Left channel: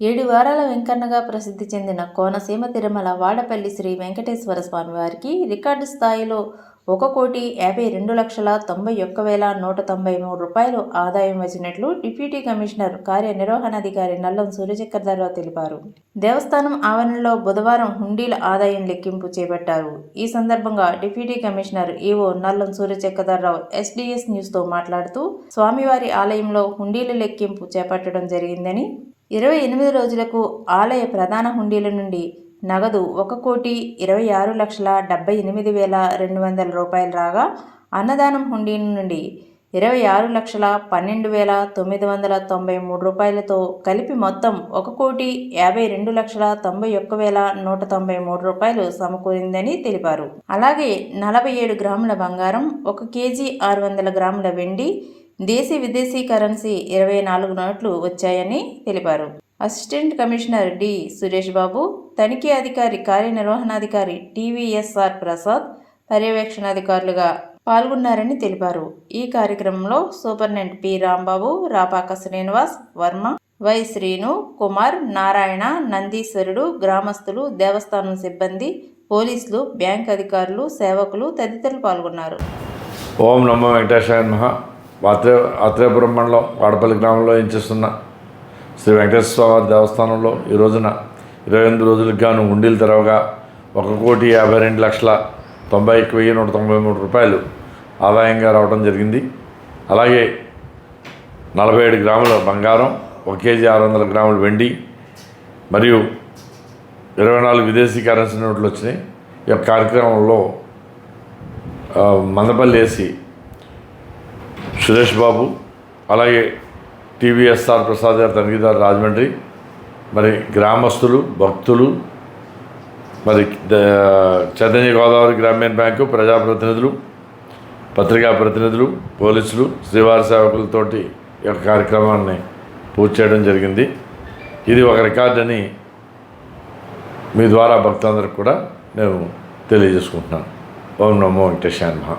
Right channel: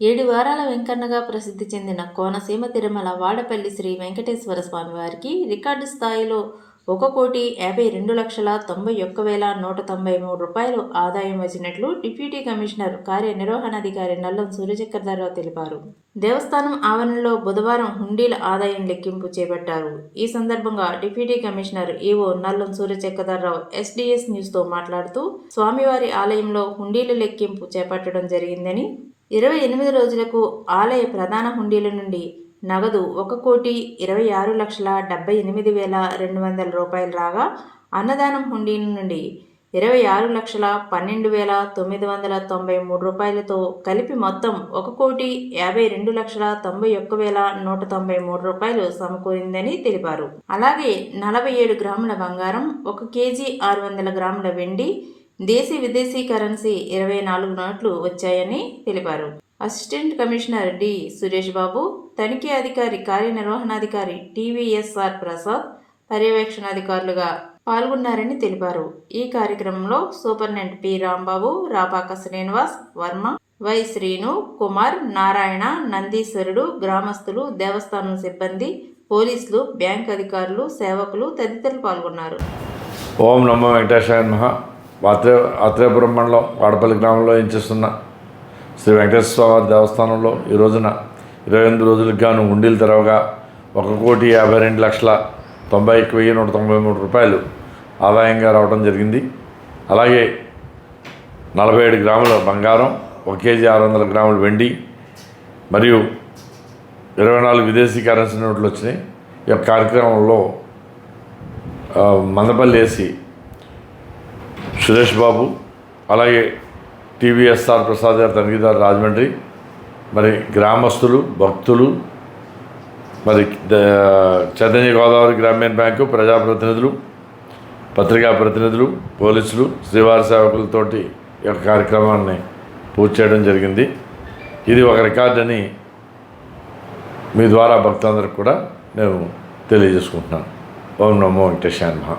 7 వారాల వెంకన్నగా ప్రసిద్ధి చెందిన కోనసీమ తిరుమల వాడపల్లి శ్రీ వెంకటేశ్వర స్వామివారికి రికార్డు స్థాయిలో 1,52,91,193 రూపాయలు ఆదాయం వచ్చినట్లు డిప్యూటీ కమిషనర్ కార్యనిర్వహణాధికారి నల్లం సూర్యచక్రధరరావు తెలిపారు. దేవస్థానం ఆవరణలో బుధవారం హుండీల ఆదాయం లెక్కింపు చేపట్టారు. ఈ సందర్భంగా deputy commissioner EO Nallam Surya Chakradhara Rao SDS న్యూస్తో మాట్లాడుతూ స్వామివారి ఆలయంలో హుండీల లెక్కింపు చేపట్టడం జరిగిందని, 28 రోజులకు ఆలయ ప్రధాన హుండీల నుండి నగదు 1,26,78,200 రూపాయలు రాగా, అన్నదానం హుండీ నుండి 26,12,993 రూపాయలతో కలిపి మొత్తం 1,52,91,193 రూపాయలు సమకూరిందని తెలిపారు. అలాగే 47 గ్రాముల బంగారం, 1 కేజీ 600 గ్రాముల వెండి, దేశీ విదేశీ కరెన్సీ 24 నోట్లు వచ్చాయని తెలిపారు. Assistant commissioner D Suresh Babu, తనిఖీ అధికారి కార్యనిర్వహణాధికారి టీవీఎస్ఆర్ ప్రసాద్ పర్యవేక్షణాధికారులుగా పాల్గొన్నారని తెలిపారు. ఈ కార్యక్రమంలో superintendent P Rambabu, Rapaka Srinivas Varma, Y Srinu Kumar, Narayana, నందీశ్వరుడు, గ్రామస్తులు, దేవస్థానం సిబ్బంది, పోలీసులు, బ్యాంక్ అధికారులు, సేవకులు తదితరులు పాల్గొన్నారు. ఓం నమో వెంకటేశాయ నమః. ఆత్రేయపురం మండలం వాడపల్లి గ్రామంలో చేస్తున్న శ్రీ వెంకటేశ్వర స్వామి దేవస్థానంలో ఈ రోజున 28 రోజులకు గాను హుండీలు తెరవగా 1,52,91,193 రూపాయలు ఆదాయంగా రావడం జరిగింది. అలాగే 47 గ్రాముల బంగారం, 1 కేజీ 600 గ్రాముల వెండి మరియు 24 విదేశీ కరెన్సీ నోట్లు వచ్చినాయి. ఈ యొక్క కార్యక్రమంలో మందపల్లి ఏసీ సురేష్ బాబు, అలాగే టీవీఎస్ఆర్ ప్రసాద్ గారు తనిఖీదారు రాజమండ్రి, మరి గ్రామస్తులు, భక్తులు, మరి చైతన్య గోదావరి గ్రామీణ బ్యాంకు ప్రజాప్రతినిధులు, పత్రికా ప్రతినిధులు, పోలీసులు, శ్రీవారి సేవకులతోటి ఈ యొక్క కార్యక్రమాన్ని పూర్తి చేయడం జరిగింది. ఇది ఒక రికార్డ్ అని మీ ద్వారా భక్తులందరికీ కూడా నేను తెలియజేసుకుంటున్నాను. ఓం నమో వెంకటేశాయ నమః.